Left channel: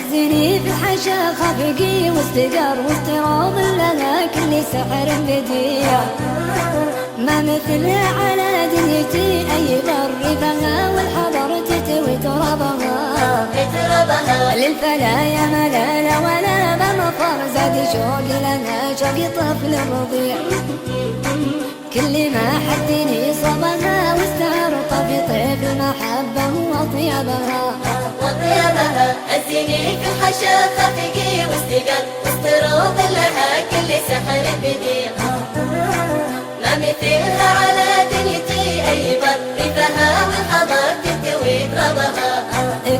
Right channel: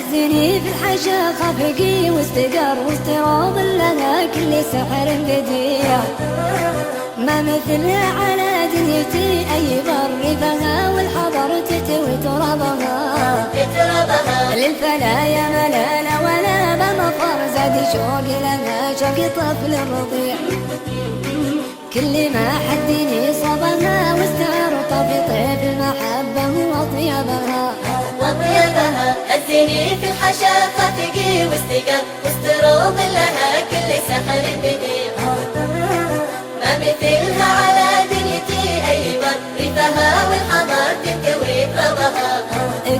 هزني في الحشا خفقي واستقر واستراض لها كل سحر بديع، ما مثلها على دنيتي أي بر فيها والحضر تتوي ترابها. للفلا يا ملالة ولا بمفر زاد شوقي لها شوقي طفل رضيع، كل ما حدني صبها واستعرط في طيف المحبة وطيبها. هزني في الحشا خفقي واستقر واستروض لها كل سحر بديع، ما مثلها على دنيتي أي بر ريفها والحضر تنتوي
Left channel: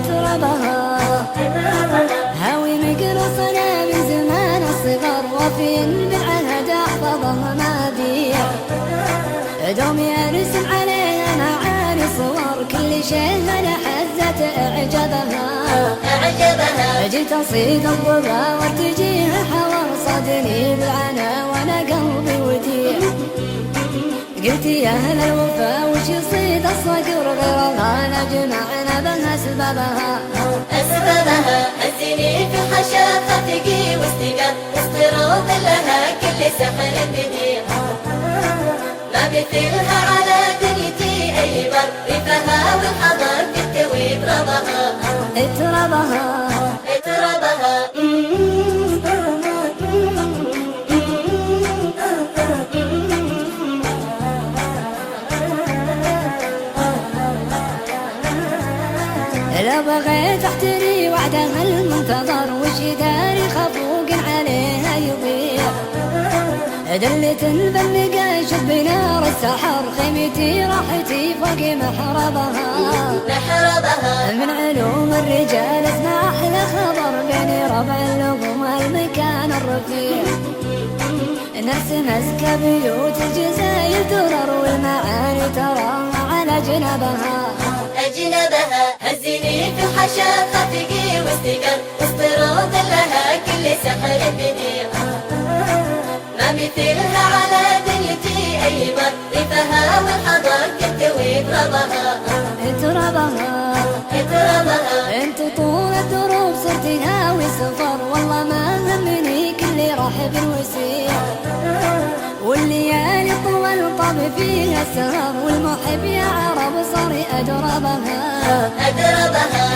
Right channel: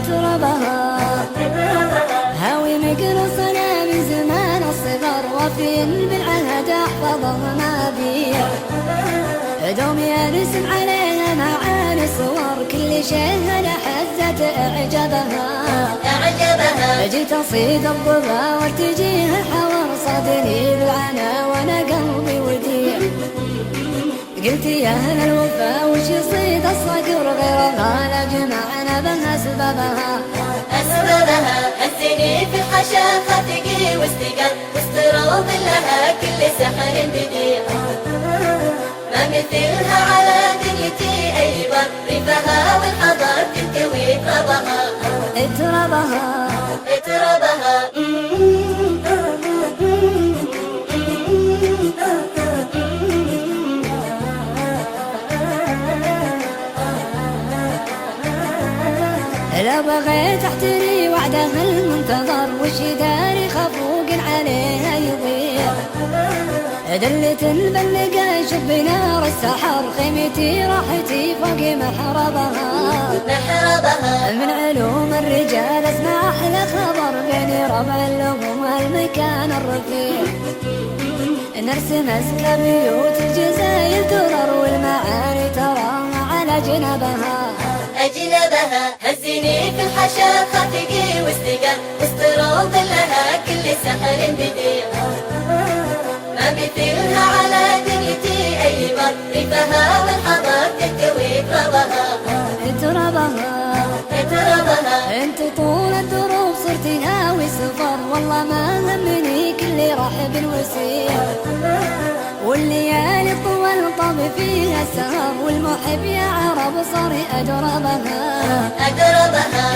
ترابها. هاوي مقرصنا من زمان الصغر وفي بالعهد احفظها ما بيع، دوم يرسم عليها معاني صور كل شيء انا حزت اعجبها. جيت اصيد الضبا وارتجيها حور صدني بالعنا وانا قلبي وديع، قلت يا اهل الوفا وش يصيد الصقر غيرها لا جمعنا بها اسبابها. هزني في الحشا خفقي واستقر واستروض لها كل سحر بديع، ما مثلها على دنيتي أي بر ريفها والحضر تنتوي ترابها. لو بغيت احتري وعدها المنتظر وش داري خفوق عليها يضيع، دلت البلقة شب نار السحر خيمتي راحتي فوق محربها. من علوم الرجال اسمع احلى خبر بيني ربع اللغم والمكان الرفيع، نرسم ازكى بيوت الجزاير درر والمعاني تراها على جنبها. هزني في الحشا خفقي واستقر واستروض لها كل سحر بديع، ما مثلها على دنيتي أي بر ريفها والحضر تنتوي ترابها. انت طول الدروب صرت هاوي سفر والله ما همني كل رحب وسيع، والليالي طول طب فيها السهر والمحب يا عرب صار أدربها.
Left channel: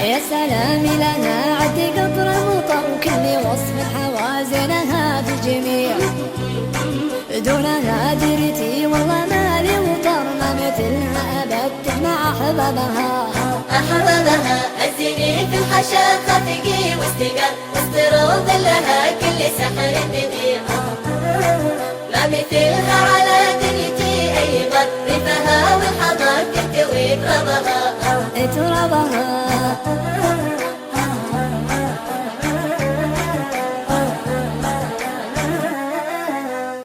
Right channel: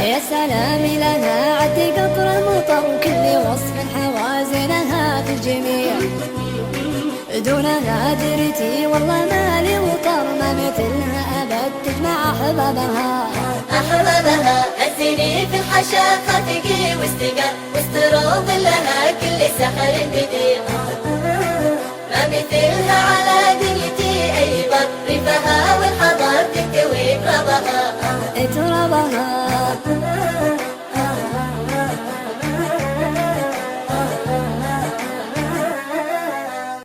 يا سلام لها عد قطر المطر وكل وصف حوازنها في الجميع، دونها درتي والله مالي وطر ما مثلها أبد تجمع أحبابها. هزني في الحشا خفقي واستقر واستروض لها كل سحر بديع، ما مثلها على دنيتي أي بر ريفها والحضر تنتوي ترابها.